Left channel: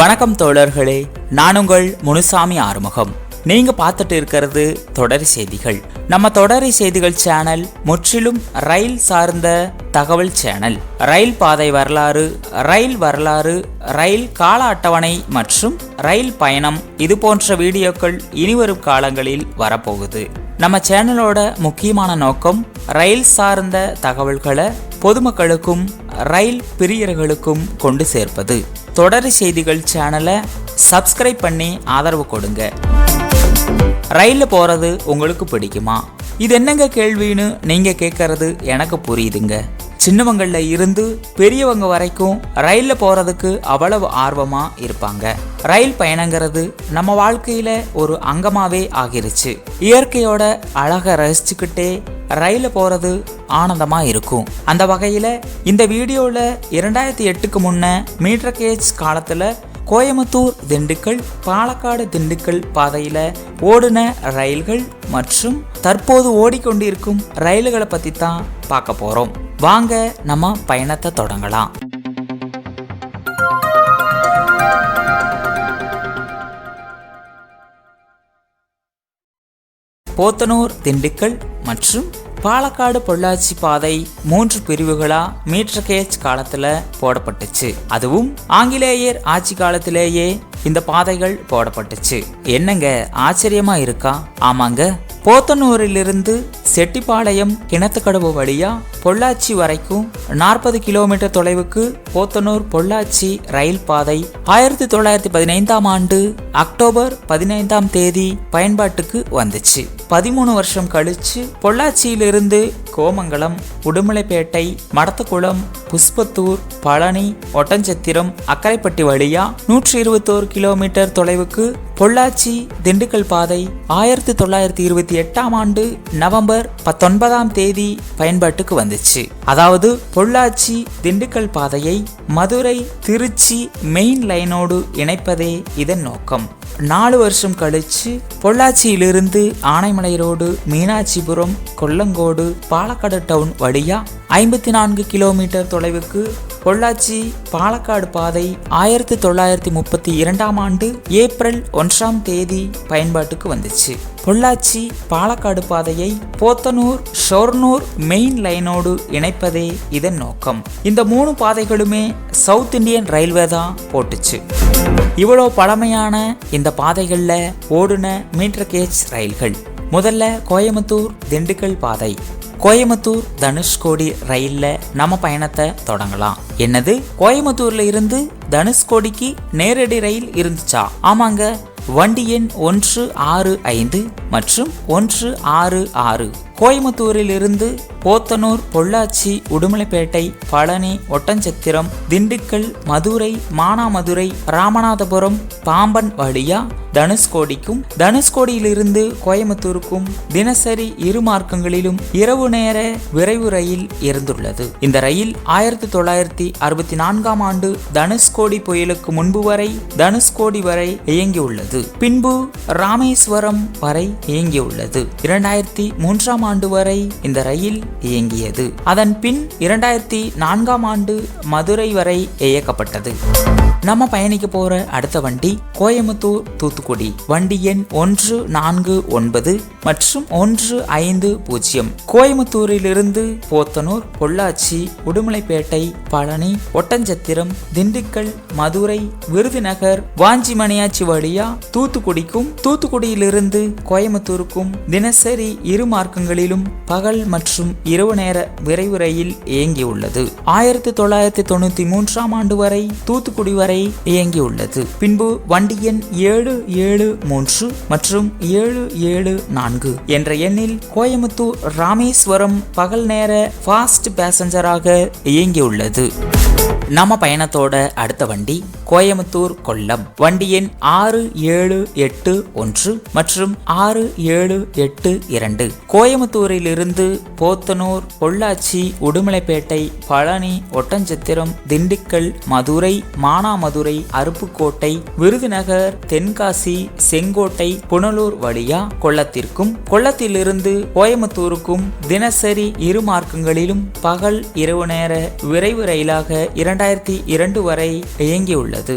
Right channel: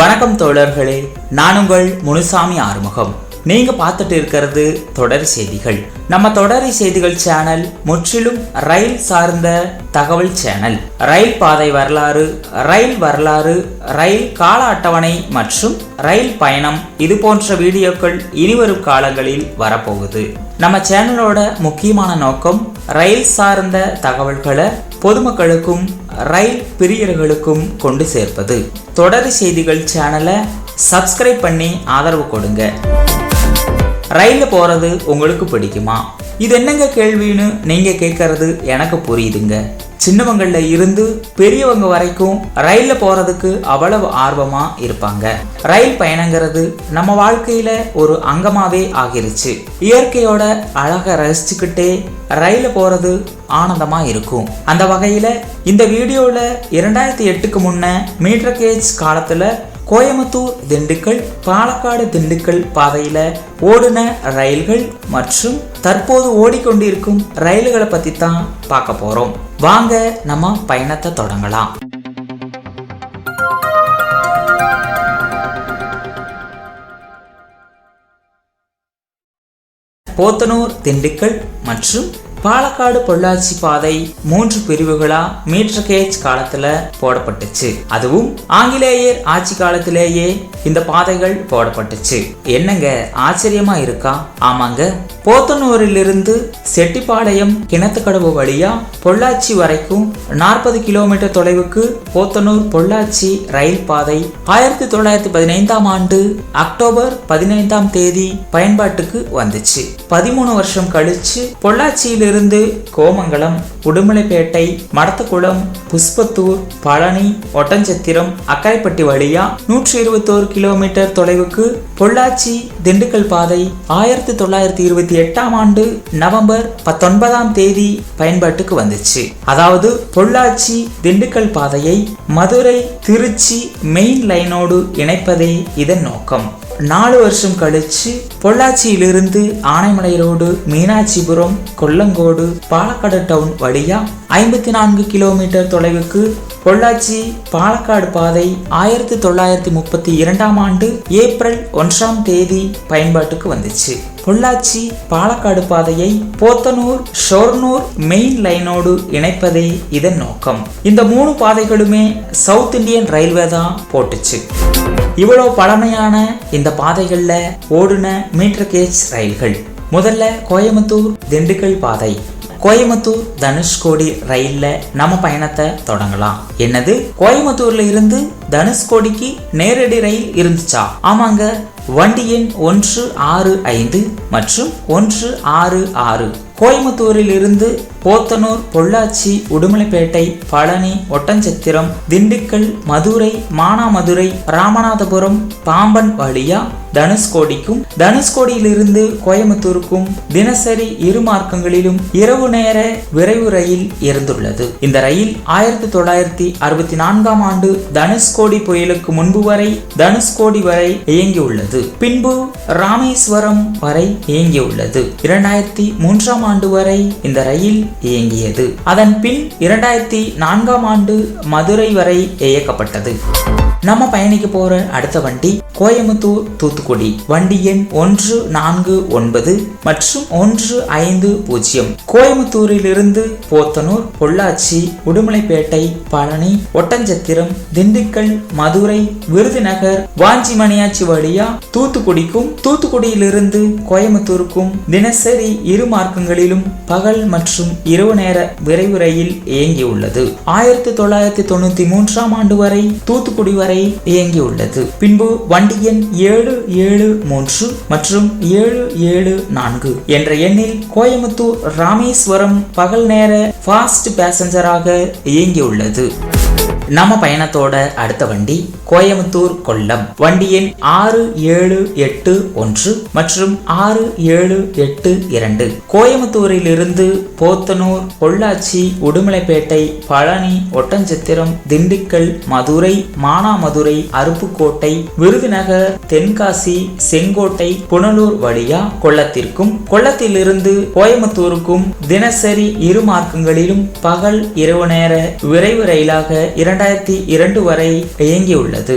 வணக்கம் தோழர்களே, நான் உங்கள் முனுசாமி ஆறுமுகம். நீங்க பார்த்துட்டு இருக்கிறது தொடரி செய்திகள். நம்ம தொடரி செய்திகள் சேனல் முற்றிலும் ரயில் சார்ந்த தகவல் சேனல். ரயில் பாதை வரலாறு, ரயில் கால அட்டவணை மற்றும் ரயில் பயணம், இது போன்ற வீடியோக்கள் இனிவரும் காலங்களில் வரப்போகுது. நம்ம சேனலோட முக்கியமான நோக்கம் ரயில் சார்ந்த தகவல்களை பொதுமக்களுக்கும் ரயில் பிரியர்களுக்கும் கொண்டு சேர்ப்பது. தொடரி செய்திகள் சேனலை சப்ஸ்கிரைப் பண்ணி ஆதரவு கொடுங்க. ரயில்ல போறது உங்களுக்கு பிடிக்குமா? இது என்னங்க கேள்வின்னு நீங்க கேட்கறது எனக்கு புரியுதுங்க. சின்னவங்கள்ல இருந்து பெரியவங்க வரைக்கும் ரயில்ல போறதுக்கு அவ்வளவு ஆர்வமா இருப்பாங்க. ரயில் பயணங்கிறது நம்ம வாழ்க்கையில ஒரு அங்கமாவே ஆகிருச்சு. இயற்கையோட அழக ரசிச்சுக்கிட்டே ரயில்ல போறது ஆனந்தமா இருக்கும். அந்த வகையில இந்த வீடியோல 2008க்கு முன்ன மீட்டர் கேஜ் காலத்துல கோயம்புத்தூர் திண்டுக்கல், பாலக்காடு திண்டுக்கல் பாதையில ஓடுன ரயில்கள் மற்றும் தற்போது ஓடிக்கொண்டிருக்கும் ரயில்களை பத்தி தான் பார்க்க போறோம். வாங்க நம்ம பயணத்தை தொடங்கலாம். போத்தனூர் திண்டுக்கல் மற்றும் பாலக்காடு பொள்ளாச்சி பாதை 3 பிரிவுகளா மீட்டர் கேஜ் காலத்துல போடப்பட்டுச்சு. அதுவும் ஆங்கிலேயர் ஆட்சி காலத்திலேயே இந்த பாதைகள் போடப்பட்டுச்சு. என்னங்க ஆச்சரியமா இருக்கா? ஆமாங்க, போத்தனூரிலிருந்து செட்டிப்பாளையம் கிணத்துக்கடவு வழியா பொள்ளாச்சி வரைக்கும் 40 கிலோமீட்டர் தொலைவுக்கு போத்தனூர் பொள்ளாச்சி ரயில் பாதை 1915ஆம் ஆண்டு அக்டோபர் 15ஆம் தேதி பயன்பாட்டுக்கு வந்துச்சு. 13 வருஷம் கழிச்சு பொள்ளாச்சியிலிருந்து கோமங்கலம், உடுமலைப்பேட்டை, மடத்துக்குளம், புஷ்பத்தூர், பழனி, ஒட்டஞ்சத்திரம், அக்காய்பட்டி வழியா 121 கிலோமீட்டர் தொலைவுக்கு பொள்ளாச்சி திண்டுக்கல் பாதை 1928ஆம் ஆண்டு நவம்பர் 19ஆம் தேதி பயன்பாட்டுக்கு வந்துச்சு. அதாவது பொள்ளாச்சி திண்டுக்கல் பாதையை மதுரை திருச்சி மெயின் லைனோடு இணைப்பதே இதன் நோக்கம். 4 வருஷம் கழிச்சு பொள்ளாச்சியிலிருந்து ஆனைமலை ரோடு, மீனாட்சிபுரம், கொல்லங்கோடு, பாலக்காடு டவுன் வழியா 54 கிலோமீட்டர் தொலைவுக்கு பொள்ளாச்சி பாலக்காடு பாதை 1932ஆம் ஆண்டு ஏப்ரல் 1ஆம் தேதி பயன்பாட்டுக்கு வந்துச்சு. பொள்ளாச்சி பாலக்காடு பாதையை போத்தனூர் ஷொர்ணூர் மெயின் லைனோடு இணைப்பதே இதன் நோக்கம். இந்த 3 பாதைகளுமே சவுத் இந்தியன் ரயில்வே தான் போட்டுச்சு. இவ்வளவு பழமையான இந்த பாதைகள்ல ஓடுன மீட்டர் கேஜ் ரயில்கள். முதல்ல கோயம்புத்தூர் திண்டுக்கல் பாதை. கோயம்புத்தூர் தனுஷ்கோடி ரயில்ல நம்ம பயணத்தை தொடங்கலாம். என்னது, கோயம்புத்தூர்ல இருந்து தனுஷ்கோடிக்கு நேரடி ரயில் இருந்துச்சா? ஆமாங்க, வண்டி எண் 165 மற்றும் 166 கோயம்புத்தூரில் இருந்து போத்தனூர், பொள்ளாச்சி, உடுமலைப்பேட்டை, பழனி, ஒட்டஞ்சத்திரம், திண்டுக்கல், மதுரை, மானாமதுரை, ராமநாதபுரம், பாம்பன் வழியா தனுஷ்கோடிக்கும், தனுஷ்கோடியிலிருந்து கோயம்புத்தூருக்கும் தினசரி 2 மார்க்கங்களிலும் இரவு நேர விரைவு ரயில் இருந்துள்ளது. இந்த ரயில் 1964ஆம் ஆண்டு தனுஷ்கோடி புயலுக்கு முன்பு வரை தனுஷ்கோடி வரை இயங்கியுள்ளது. பின்பு ராமேஸ்வரம் வரை இயங்கியுள்ளது. 2003ஆம் ஆண்டு வரை இந்த ரயில் இயங்கியது. அதன் பின் 2004ஆம் ஆண்டு மதுரை வரை இயக்கப்பட்டது. நம்ம பயணிக்க போற அடுத்த வண்டி கோயம்புத்தூர் தூத்துக்குடி. வண்டி எண் 149 மற்றும் 150. கோயம்புத்தூரில் இருந்து போத்தனூர், பொள்ளாச்சி, உடுமலைப்பேட்டை, பழனி, ஒட்டஞ்சத்திரம், திண்டுக்கல், மதுரை, விருதுநகர், வாஞ்சிமணியாச்சி வழியா தூத்துக்குடிக்கும், தூத்துக்குடியிலிருந்து கோயம்புத்தூருக்கும் தினசரி 2 மார்க்கங்களிலும் பகல் மற்றும் இரவு நேர விரைவு ரயில் இயங்கியுள்ளது. 1993ஆம் ஆண்டு வரை தூத்துக்குடி வரை இயங்கியுள்ளது. பின்பு வண்டி எண் 773 மற்றும் 774 என்ற எண்ணில் கோயம்புத்தூர் ராமேஸ்வரம் பகல் நேர ஃபாஸ்ட் பேசஞ்சராக இயங்கியுள்ளது. நம்ம பயணத்தோட அடுத்த வண்டி கோயம்புத்தூர் கொல்லம். வண்டி எண் 6781 மற்றும் 6782. கோயம்புத்தூரில் இருந்து போத்தனூர், பொள்ளாச்சி, உடுமலைப்பேட்டை, பழனி, ஒட்டஞ்சத்திரம், திண்டுக்கல், மதுரை, மானாமதுரை, அருப்புக்கோட்டை, விருதுநகர், தென்காசி, செங்கோட்டை, புனலூர் வழியா கொல்லத்திற்கும், கொல்லத்திலிருந்து கோயம்புத்தூருக்கும் தினசரி 2 மார்க்கங்களிலும் பகல் இரவு நேர விரைவு ரயிலாக 2002 வரை இயங்கியுள்ளது.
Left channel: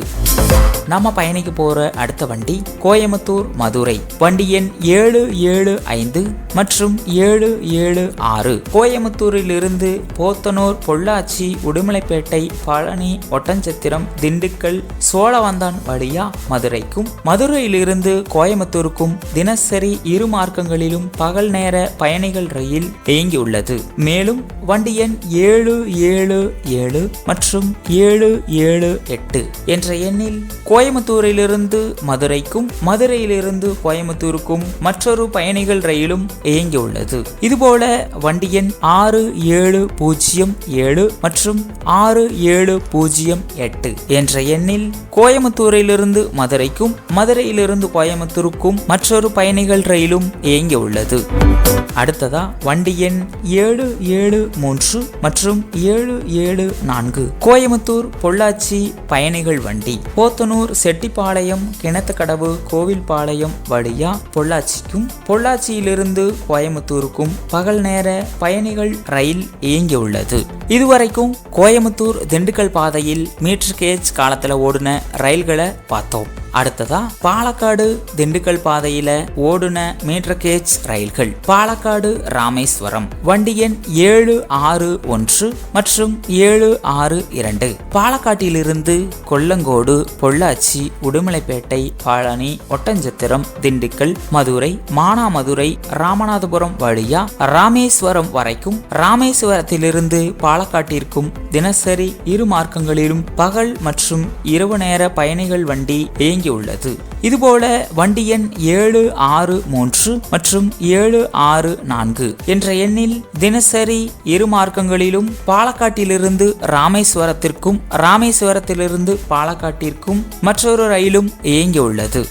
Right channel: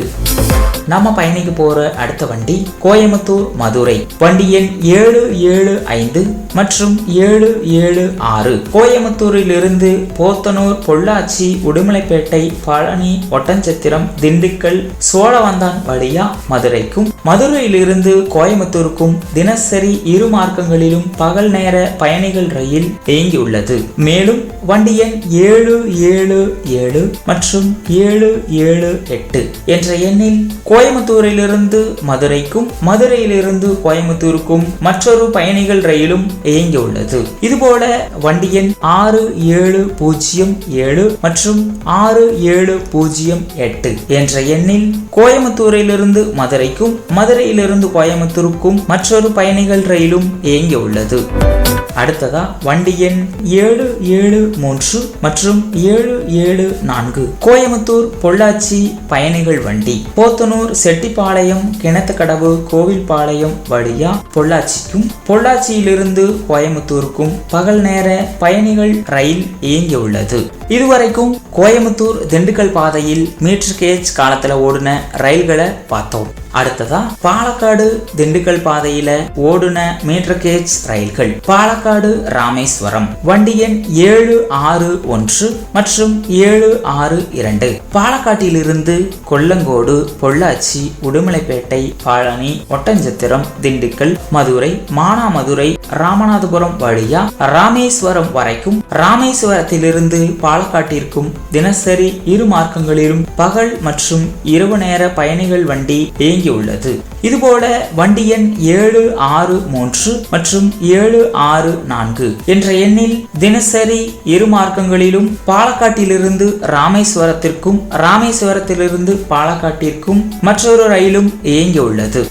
நம்ம பயணிக்க போற அடுத்த வண்டி கோயம்புத்தூர் மதுரை. வண்டி எண் 775 மற்றும் 776. கோயம்புத்தூரில் இருந்து போத்தனூர், பொள்ளாச்சி, உடுமலைப்பேட்டை, பழனி, ஒட்டன்சத்திரம், திண்டுக்கல், சோழவந்தான் வழியா மதுரைக்கும், மதுரையிலிருந்து கோயம்புத்தூருக்கும் தினசரி இரு மார்க்கங்களிலும் பகல் நேர பயணிகள் ரயில் இயங்கியுள்ளது. மேலும் வண்டி எண் 777 மற்றும் 778 என்ற எண்ணில் கோயம்புத்தூரிலிருந்து மதுரைக்கும், மதுரையிலிருந்து கோயம்புத்தூருக்கும் மற்றொரு பயணிகள் ரயிலும் இயங்கியுள்ளது. இதுபோல வண்டி எண் 6707 மற்றும் 6708 என்ற எண்ணில் கோயம்புத்தூரிலிருந்து மதுரைக்கும், மதுரையிலிருந்து கோயம்புத்தூருக்கும் மற்றொரு பயணிகள் ரயிலும் இயங்கியுள்ளது. அடுத்ததா வண்டி எண் 773 மற்றும் 774 கோயம்புத்தூர் பொள்ளாச்சி பயணிகள் வண்டி. போத்தனூர், செட்டிப்பாளையம், கிணத்துக்கடவு, கோவில்பாளையம் வழியா பொள்ளாச்சிக்கும், பொள்ளாச்சியிலிருந்து கோயம்புத்தூருக்கும் பகல் நேர பயணிகள் ரயில் இயங்கியுள்ளது. இதுவரைக்கும் கோயம்புத்தூர் திண்டுக்கல் பாதையில் மீட்டர் கேஜ் காலத்துல ஓடின ரயில்களை பார்த்தோம். அடுத்ததா பாலக்காடு திண்டுக்கல் பாதையில ஓடுன மீட்டர் கேஜ் ரயில்கள். பாலக்காடு ராமேஸ்வரம் வண்டி எண் 761 மற்றும் 762. பாலக்காட்டிலிருந்து கொல்லங்கோடு, பொள்ளாச்சி, உடுமலைப்பேட்டை, பழனி, ஒட்டன்சத்திரம், திண்டுக்கல், மதுரை, மானாமதுரை, ராமநாதபுரம் வழியா ராமேஸ்வரம் வரைக்கும், ராமேஸ்வரத்திலிருந்து பாலக்காட்டிற்கும் தினசரி இரு மார்க்கங்களிலும் பகல் மற்றும் இரவு நேர பயணிகள் வண்டி உள்ளது. இதுபோல வண்டி எண் 763 மற்றும் 764 என்ற எண்ணில் தினசரி இரு மார்க்கங்களிலும் பாலக்காட்டிலிருந்து ராமேஸ்வரத்திற்கும், ராமேஸ்வரத்திலிருந்து பாலக்காட்டிற்கும் மற்றொரு ரயிலும் இயங்கியுள்ளது.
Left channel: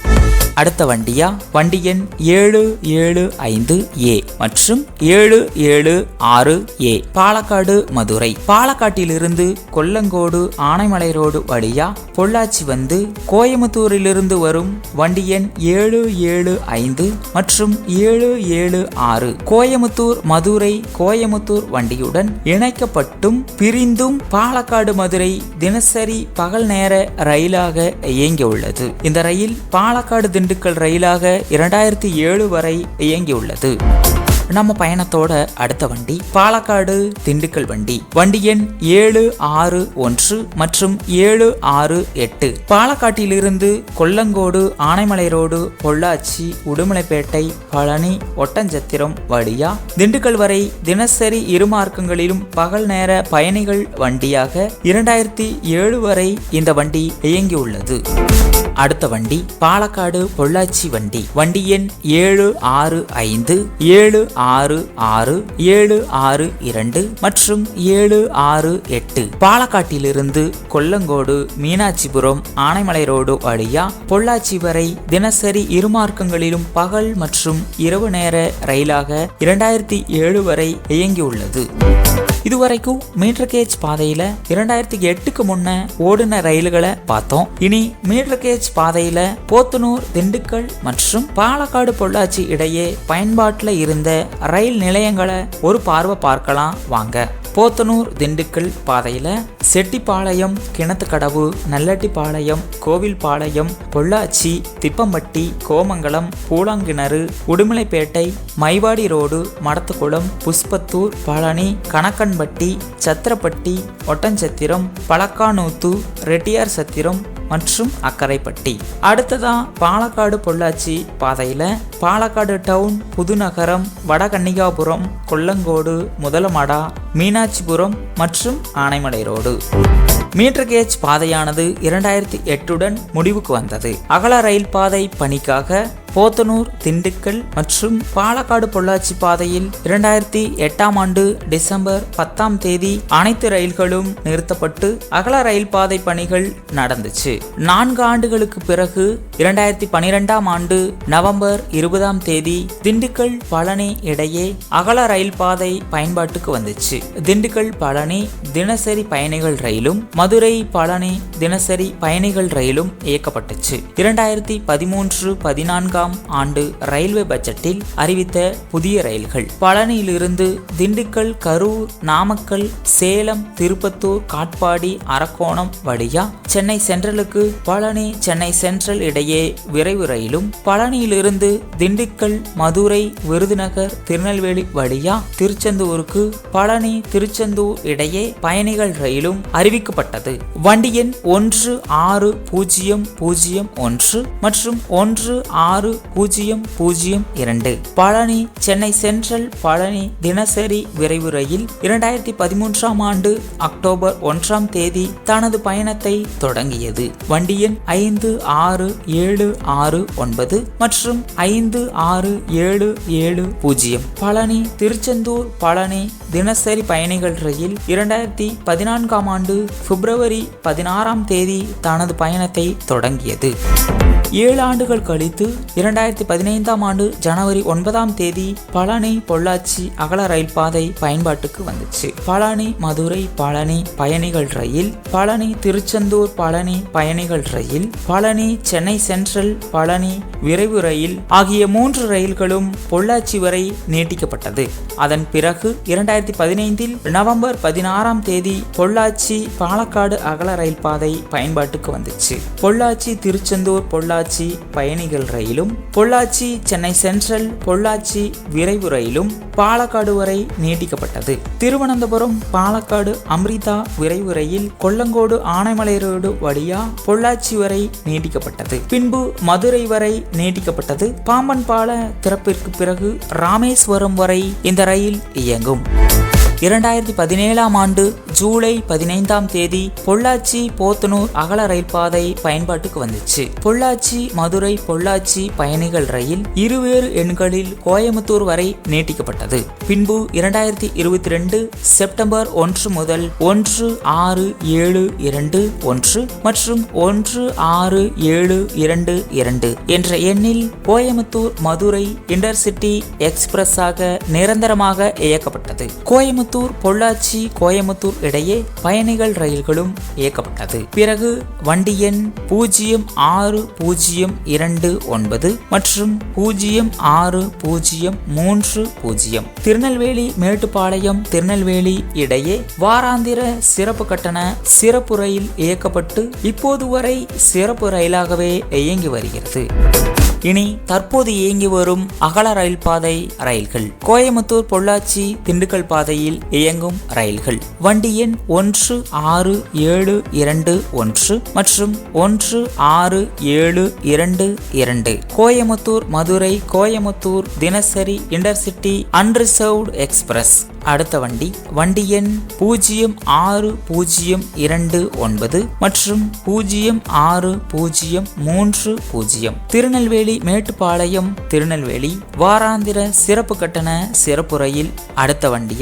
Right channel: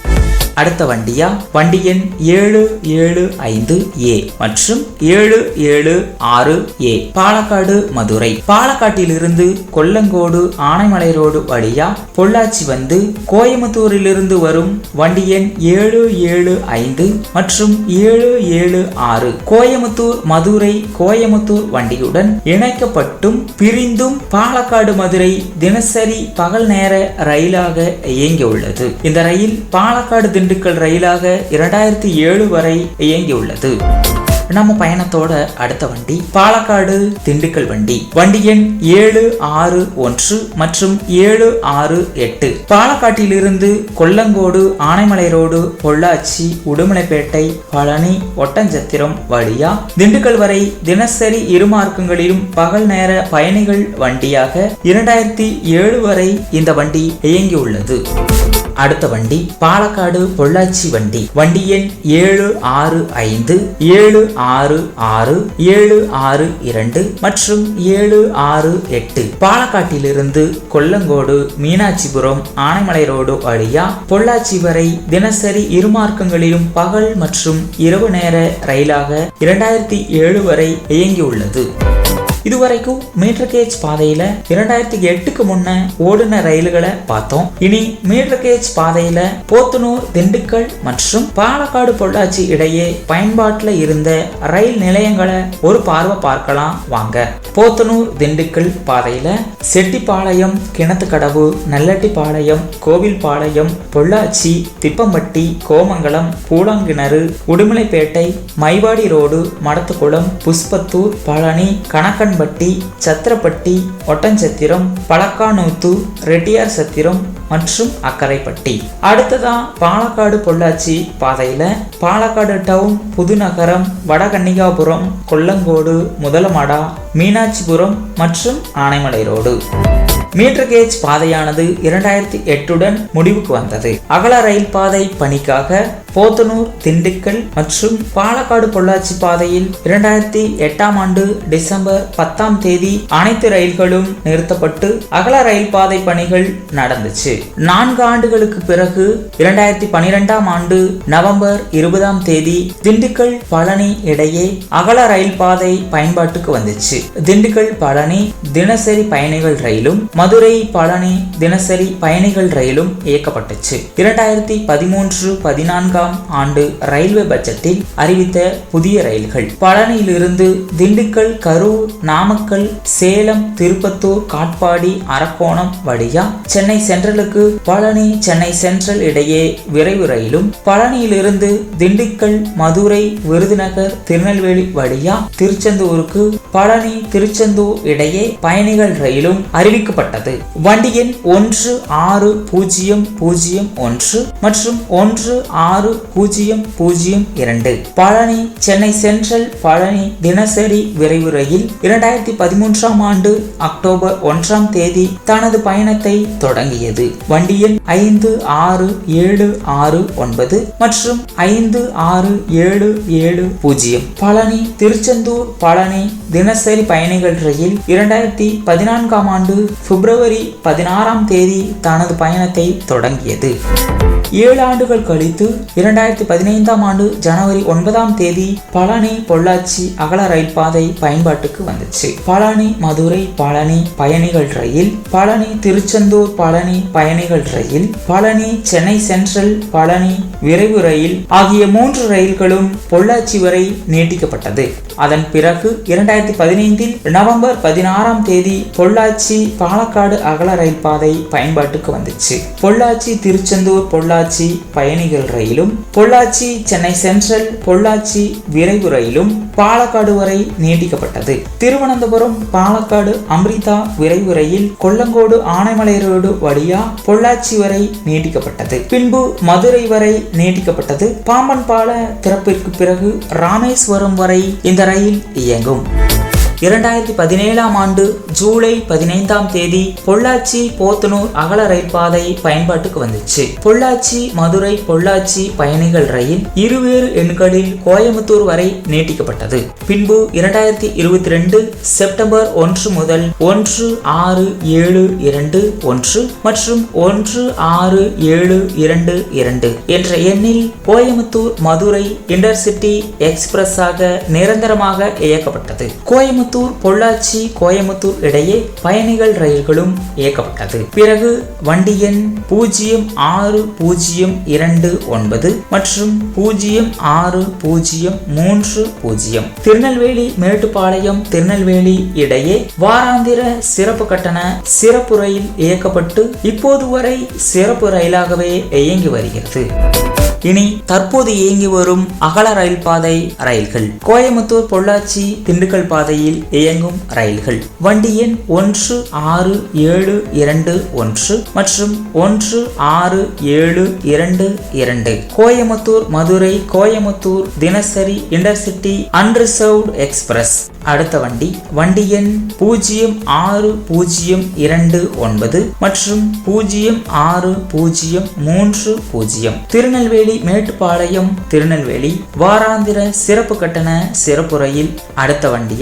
அடுத்த வண்டியா வண்டி எண் 775A மற்றும் 776A பாலக்காடு மதுரை. பாலக்காட்டிலிருந்து கொல்லங்கோடு, ஆனைமலை ரோடு வழியா பொள்ளாச்சி வந்து கோயம்புத்தூரிலிருந்து வரும் வண்டி எண் 775 மற்றும் 776 கோயம்புத்தூர் மதுரை, கோயம்புத்தூர் வண்டியுடன் இணைக்கப்பட்டும் பிரிந்தும் பாலக்காடு மதுரை தினசரி பகல் நேர ரயிலாக இயங்கியுள்ளது. இந்த ரயில் பாலக்காடு திண்டுக்கல் ரயிலாக 2007 வரை இயங்கியுள்ளது. நம்ம பயணத்தோட அடுத்த வண்டி பாலக்காடு திண்டுக்கல் வண்டி. வண்டி எண் 761 மற்றும் 768 பாலக்காட்டிலிருந்து கொல்லங்கோடு, ஆனைமலை ரோடு, பொள்ளாச்சி, உடுமலைப்பேட்டை, பழனி, ஒட்டன்சத்திரம் வழியா திண்டுக்கல் வரை தினசரி இரு மார்க்கங்களிலும் பகல் நேர பயணிகள் வண்டியாக 2007 வரை இந்த வண்டி இயங்கியுள்ளது. அடுத்த வண்டி பாலக்காடு பொள்ளாச்சி வண்டி. வண்டி எண் 765 766 762 மற்றும் 768 பாலக்காட்டிலிருந்து கொல்லங்கோடு, மீனாட்சிபுரம், ஆனைமலை ரோடு வழியா பொள்ளாச்சி வரை தினசரி இரு மார்க்கங்களிலும் பகல் மற்றும் இரவு நேர ரயிலாக 2007 வரை இயங்கியுள்ளது. இதுவரைக்கும் மீட்டர் கேஜ் பாதையில 2008க்கு முன்ன ஓடுன ரயில்களை பார்த்தோம். இனி மீட்டர் கேஜ் பாதையில போத்தனூர், திண்டுக்கல் மற்றும் பாலக்காடு பொள்ளாச்சி இடையே பயன்பாட்டில் இருந்த ரயில் நிலையங்களை ஒரு பார்வை பார்க்கலாம் வாங்க. போத்தனூர் திண்டுக்கல் பாதையில செட்டிப்பாளையம், கிணத்துக்கடவு, நல்லட்டிப்பாளையம், கோவில்பாளையம், பொள்ளாச்சி, திப்பம்பட்டி, கோமங்கலம், பூலாங்கிணறு, உடுமலைப்பேட்டை, மைவாடி ரோடு, மடத்துக்குளம், புஷ்பத்தூர், பழனி, கணக்கன்பட்டி, சத்திரப்பட்டி, ஒட்டன்சத்திரம், பழக்கானூத்து, ரெட்டியார் சத்திரம் மற்றும் அக்கரைப்பட்டி. அடுத்ததான் பாலக்காடு பொள்ளாச்சி பாதையில பாலக்காடு டவுன், புதுநகரம், வடகன்னிகாபுரம், கொல்லங்கோடு, முதலமடா, மீனாட்சிபுரம் மற்றும் ஆனைமலை ரோடு. மீட்டர் கேஜ் பாதையானது 2008உடன் முடிவுக்கு வந்தது. அகல ரயில் பாதை பணிக்காக போத்தனூர், திண்டுக்கல் மற்றும் பாலக்காடு பொள்ளாச்சி பாதையில் 2008ஆம் ஆண்டு டிசம்பர் 10ஆம் தேதி அனைத்து ரயில்களும் நிறுத்தப்பட்டு அகல ரயில் பாதை பணிகள் நடந்துச்சு. 4 ஆண்டுகளுக்கு பிறகு 2012ஆம் ஆண்டு நவம்பர் 20ஆம் தேதி திண்டுக்கல் பழனி இடையே அகல ரயில் பாதை பயன்பாட்டுக்கு வந்துச்சு. திண்டுக்கல் பழனி தினசரி பயணிகள் ரயிலும், மதுரை பழனி தினசரி பயணிகள் ரயிலும் இயக்கப்பட்டுச்சு. 2013-14 22ஆம் ஆண்டு ரயில்வே பட்ஜெட்டில் அறிவித்த புதிய ரயில்கள் பழனியிலிருந்து திண்டுக்கல், கரூர், நாமக்கல், சேலம், திருப்பத்தூர், காட்பாடி, அரக்கோணம் வழியா சென்னை சென்ட்ரலுக்கு பழனி, சென்னை சென்ட்ரல் இடையே விரைவு ரயிலும், பழனியிலிருந்து திண்டுக்கல், மதுரை, விருதுநகர், திருநெல்வேலி வழியா திருச்செந்தூருக்கு பழனி, திருச்செந்தூர் இடையே பயணிகள் ரயிலும் அறிவிக்கப்பட்டது. வண்டி எண் 16001 மற்றும் 16002 பழனி, சென்னை சென்ட்ரல் பழனி தினசரி விரைவு ரயில் 2013ஆம் ஆண்டு அக்டோபர் 1ஆம் தேதி தனது பயணத்தை தொடங்கியது. வண்டி எண் 56769 மற்றும் 56770 பழனி, திருச்செந்தூர் பழனி தினசரி பயணிகள் ரயில் 2014ஆம் ஆண்டு பிப்ரவரி 16ஆம் தேதி தனது பயணத்தை தொடங்கியது. 7 ஆண்டுகள் கழித்து 2015ஆம் ஆண்டு ஜனவரி 9ஆம் தேதி பழனி பொள்ளாச்சி அகல ரயில் பாதை பயன்பாட்டுக்கு வந்துச்சு. பழனி மதுரை பழனி பயணிகள் ரயில், பழனி திருச்செந்தூர் பழனி பயணிகள் ரயில், பழனி சென்னை சென்ட்ரல் பழனி விரைவு ரயில் ஆகிய 3 ரயில்களும் பொள்ளாச்சி வரை நீட்டிக்கப்பட்டது. அதன் பிறகு 2015இல் நவம்பர் 16ஆம் தேதி பொள்ளாச்சி பாலக்காடு அகல ரயில் பாதை பயன்பாட்டுக்கு வந்துச்சு. பொள்ளாச்சி திருச்செந்தூர் பொள்ளாச்சி பயணிகள் ரயிலும், பொள்ளாச்சி சென்னை சென்ட்ரல் பொள்ளாச்சி விரைவு ரயிலும் பாலக்காடு வரை நீட்டிக்கப்பட்டது. திருவனந்தபுரம் பாலக்காடு அம்ரிதா விரைவு ரயில் கொல்லங்கோடு ஆனைமலை ரோடு வழியா பொள்ளாச்சி வரை நீட்டிக்கப்பட்டது. பின்பு மதுரை வரை நீட்டிக்கப்பட்டது. பாம்பன் பால திறப்பிற்கு பிறகு ராமேஸ்வரம் வரை இந்த ரயில் இயங்கும். 2017ஆம் ஆண்டு ஜூலை 15ஆம் தேதி பொள்ளாச்சி போத்தனூர் அகல ரயில் பாதை பயன்பாட்டுக்கு வந்துச்சு. பொள்ளாச்சி மதுரை பொள்ளாச்சி பயணிகள் ரயில் இருவேறு எண்களில் கோயம்புத்தூர் வரை நீட்டிக்கப்பட்டது. பின்பு 2022 செப்டம்பர் 1 முதல் 16721 மற்றும் 16722 என்ற எண்ணில் கோயம்புத்தூர் மதுரை இன்டர்சிட்டி எக்ஸ்பிரஸாக நிரந்தரமாக இயக்கப்பட்டது. கோயம்புத்தூர் பொள்ளாச்சி கோயம்புத்தூர் இடையே பயணிகள் ரயில்களும் இயக்கப்பட்டது. பிறகு வண்டி எண் 06029 மற்றும் 06030 திருநெல்வேலி மேட்டுப்பாளையம் திருநெல்வேலி இடையே வாராந்திர சிறப்பு கட்டண சிறப்பு ரயில் இயக்கப்பட்டு இப்போது வரை சிறப்பு ரயிலாகவே இயங்கி வருகிறது. இனி தற்போது இயங்கி வரும் அகல ரயில் பாதை ரயில்கள். கோயம்புத்தூர் பொள்ளாச்சி திண்டுக்கல் பாதையில் இயங்கும் ரயில்கள் வண்டி எண் 16721 மற்றும் 16722 கோயம்புத்தூர் மதுரை கோயம்புத்தூர் தினசரி இன்டர்சிட்டி அன்ரிசர்வ்டு எக்ஸ்பிரஸ். அடுத்த வண்டி எண் 06029 மற்றும் 06030 திருநெல்வேலி மேட்டுப்பாளையம் திருநெல்வேலி வாராந்திர சிறப்பு கட்டண சிறப்பு ரயில். அடுத்த வண்டி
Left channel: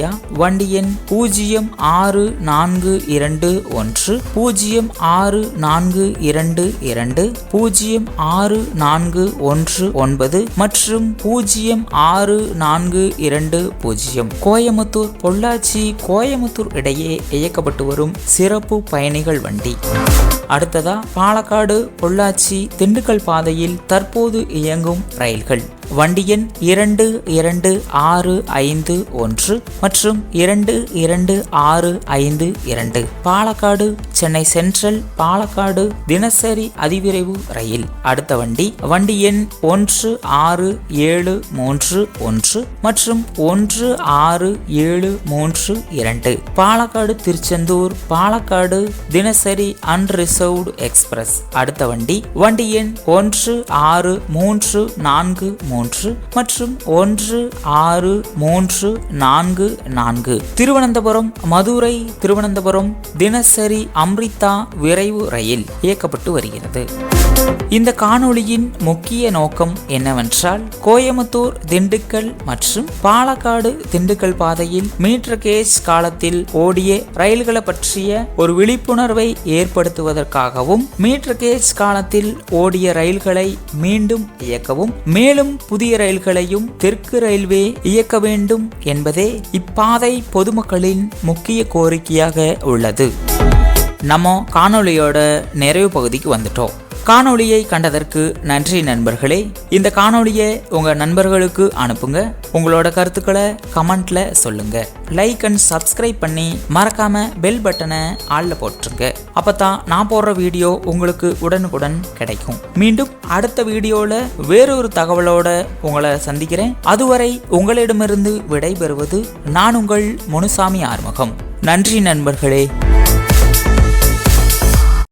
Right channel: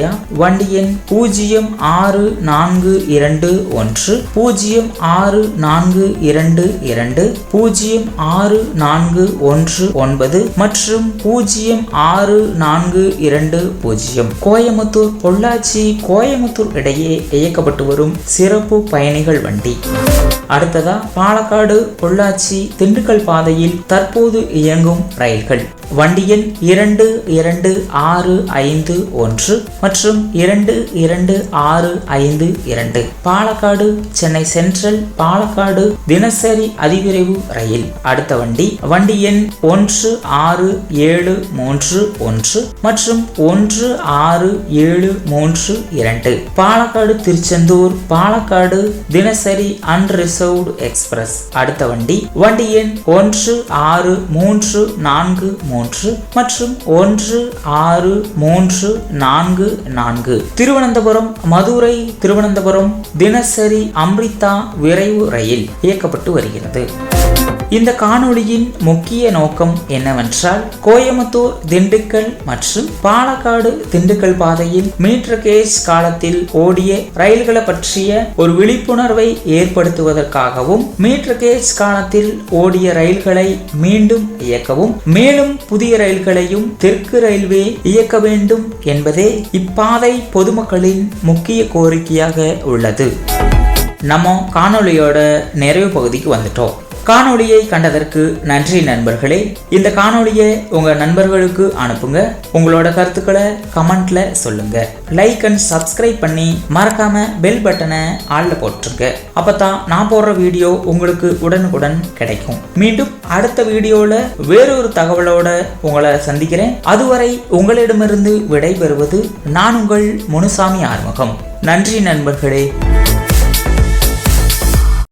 எண் 06421 06422 06419 மற்றும் 06420 கோயம்புத்தூர் பொள்ளாச்சி கோயம்புத்தூர் இடையே இயக்கப்பட்டு வரும் சிறப்பு பயணிகள் வண்டி. அடுத்ததா பாலக்காடு பொள்ளாச்சி திண்டுக்கல் பாதையில் தற்போது இயங்கும் ரயில்கள் வண்டி எண் 2265 மற்றும் 2262 பாலக்காடு சென்னை சென்ட்ரல் பாலக்காடு தினசரி அதிவிரைவு ரயில். அடுத்த வண்டி எண் 16731 மற்றும் 16732 பாலக்காடு திருச்செந்தூர் பாலக்காடு தினசரி அன்ரிசர்வ்டு எக்ஸ்பிரஸ். அடுத்த வண்டி எண் 16343 மற்றும் 16344 திருவனந்தபுரம் மதுரை திருவனந்தபுரம் தினசரி அம்ரிதா விரைவு ரயில் இயக்கப்பட்டு வருகிறது. இந்த காணொளியின் முக்கிய நோக்கம் என்னவென்றால் கோயம்புத்தூர் திண்டுக்கல் மற்றும் பாலக்காடு திண்டுக்கல் பாதையில் மீட்டர் கேஜ் காலத்தில் ஓடிய ரயில்களை பற்றிய ஒரு விழிப்புணர்வை ஏற்படுத்துவதற்காகவும் மீட்டர் கேஜ் காலத்தில் ஓடிய ரயில்களை மீண்டும் இயக்கவும் மேலும் புதிய ரயில்களையும் தெற்கு ரயில்வே இயக்க வேண்டும் என்பதே இப்பாதை பொதுமக்களின் முக்கிய கோரிக்கையாக உள்ளது. நம்ம காணொளியோட நிறைவு பகுதிக்கு வந்துட்டோம். காணொளியை கண்டதற்கு நன்றி நண்பர்களே. இந்த காணொளியை உங்க நண்பர்களுக்கு அனுப்புங்க. உங்களோட கருத்துக்களை கமெண்ட்ல சொல்லுங்க. லைக் அண்ட் சப்ஸ்கிரைப் பண்ணி மறக்காம பெல் பட்டனை ஆள்ல போட்டுருங்க. அப்பதான் நான் போடுற வீடியோ உங்களுக்கு உடனுக்குடன் கிடைக்கும். மீண்டும் அடுத்த வீடியோல வேறொரு தகவலோட உங்களை சந்திக்கிறேன். அதுவரை உங்களிடமிருந்து விடைபெறுவது நான் உங்கள் முனுசாமி ஆறுமுகம். நன்றி நண்பர்களே.